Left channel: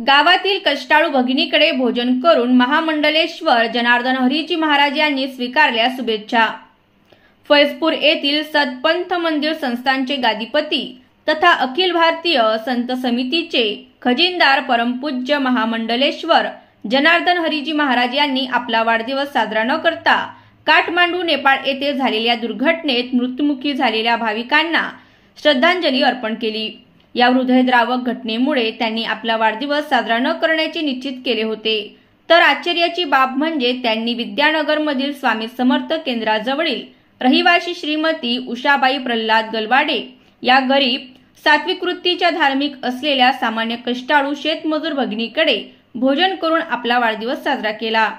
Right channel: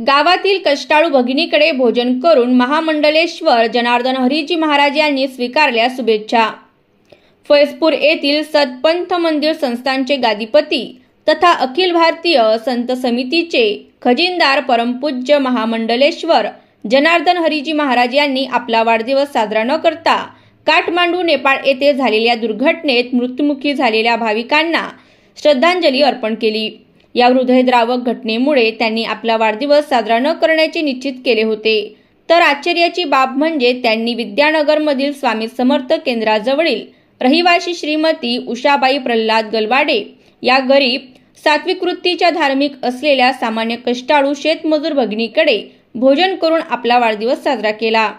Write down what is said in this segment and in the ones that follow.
गावातील कष्टाळू भगिनीकडे भोजन करून महामंडलेश्वर जनार्दन हरीजी महाराज यांनी स्वीकारल्या शुभेच्छा। फैजपूर येथील सतपंथ मंदिर संस्थानचे गादीपती तथा अखिल भारतीय संत समितीचे खजिनदार परमपूज्य महामंडलेश्वर जनार्दन हरीजी महाराज यांनी आपला वाढदिवस साजरा न करता काठमांडू नेपाळ येथे झालेल्या दुर्घटनेत मृत्युमुखी झालेल्या भाविकांना श्रद्धांजली अर्पण केली। या हृदयद्रावक घटनेमुळे त्यांनी आपला वाढदिवस साजरा न करण्याचे निश्चित केले होते। तर आश्चर्याची बाब म्हणजे त्यांनी विद्यानगरमधील स्वामी समर्थ केंद्राजवळील रहिवासी श्रीमती उषाबाई प्रल्हाद गलवाडे या गरीब सात्विक वृत्तीच्या धार्मिक असलेल्या सामान्य कष्टाळू शेतमजूर भगिनीकडे भोजन करून आपला वाढदिवस साजरा केला।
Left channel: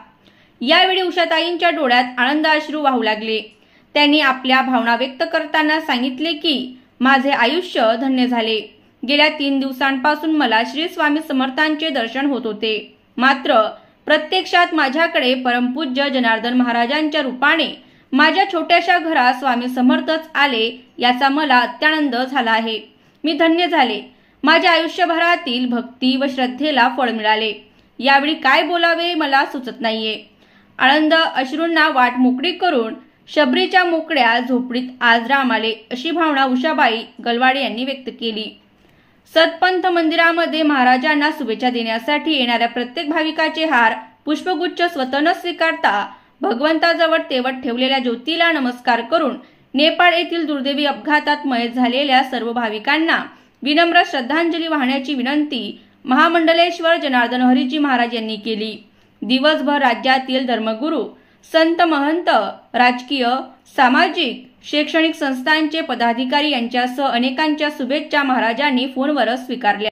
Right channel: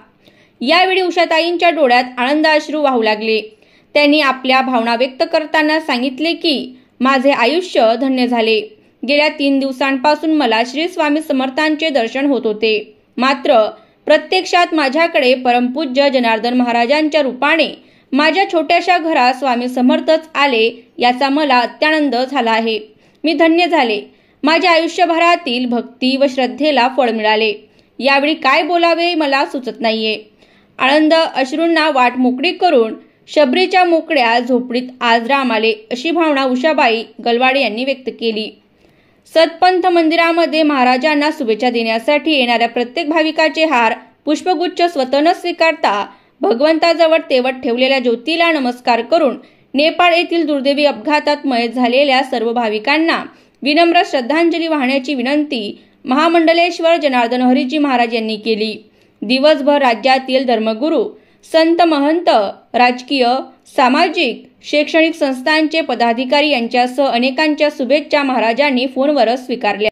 यावेळी उषाताईंच्या डोळ्यात आनंदाश्रू वाहू लागले। त्यांनी आपल्या भावना व्यक्त करताना सांगितले की माझे आयुष्य धन्य झाले। गेल्या 3 दिवसांपासून मला श्री स्वामी समर्थांचे दर्शन होत होते, मात्र प्रत्यक्षात माझ्याकडे परमपूज्य जनार्दन महाराजांच्या रूपाने माझ्या छोट्याशा घरात स्वामी समर्थच आले याचा मला अत्यानंद झाला आहे। मी धन्य झाले। माझ्या आयुष्यभरातील भक्ती व श्रद्धेला फळ मिळाले। यावेळी काय बोलावे मला सुचत नाहीये। आनंद अश्रूंना वाट मोकळी करून शबरीच्या मोकळ्या झोपडीत आज राम आले, अशी भावना उषाबाई गलवाडे यांनी व्यक्त केली। सतपंथ मंदिरामध्ये महाराजांना शुभेच्छा देण्यासाठी येणाऱ्या प्रत्येक भाविकाचे हार पुष्पगुच्छ स्वतः न स्वीकारता भगवंताजवळ तेवत ठेवलेल्या ज्योतीला नमस्कार करून नेपाळ येथील दुर्दैवी अपघातात मयत झालेल्या सर्व भाविकांना विनम्र श्रद्धांजली वाहण्याची विनंती महामंडलेश्वर जनार्दन हरीजी महाराज यांनी केली। दिवसभर राज्यातील धर्मगुरू, संत महंत, राजकीय, सामाजिक, शैक्षणिक संस्थांचे पदाधिकारी यांच्यासह अनेकांच्या शुभेच्छा महाराजांनी फोनवरच स्वीकारल्या।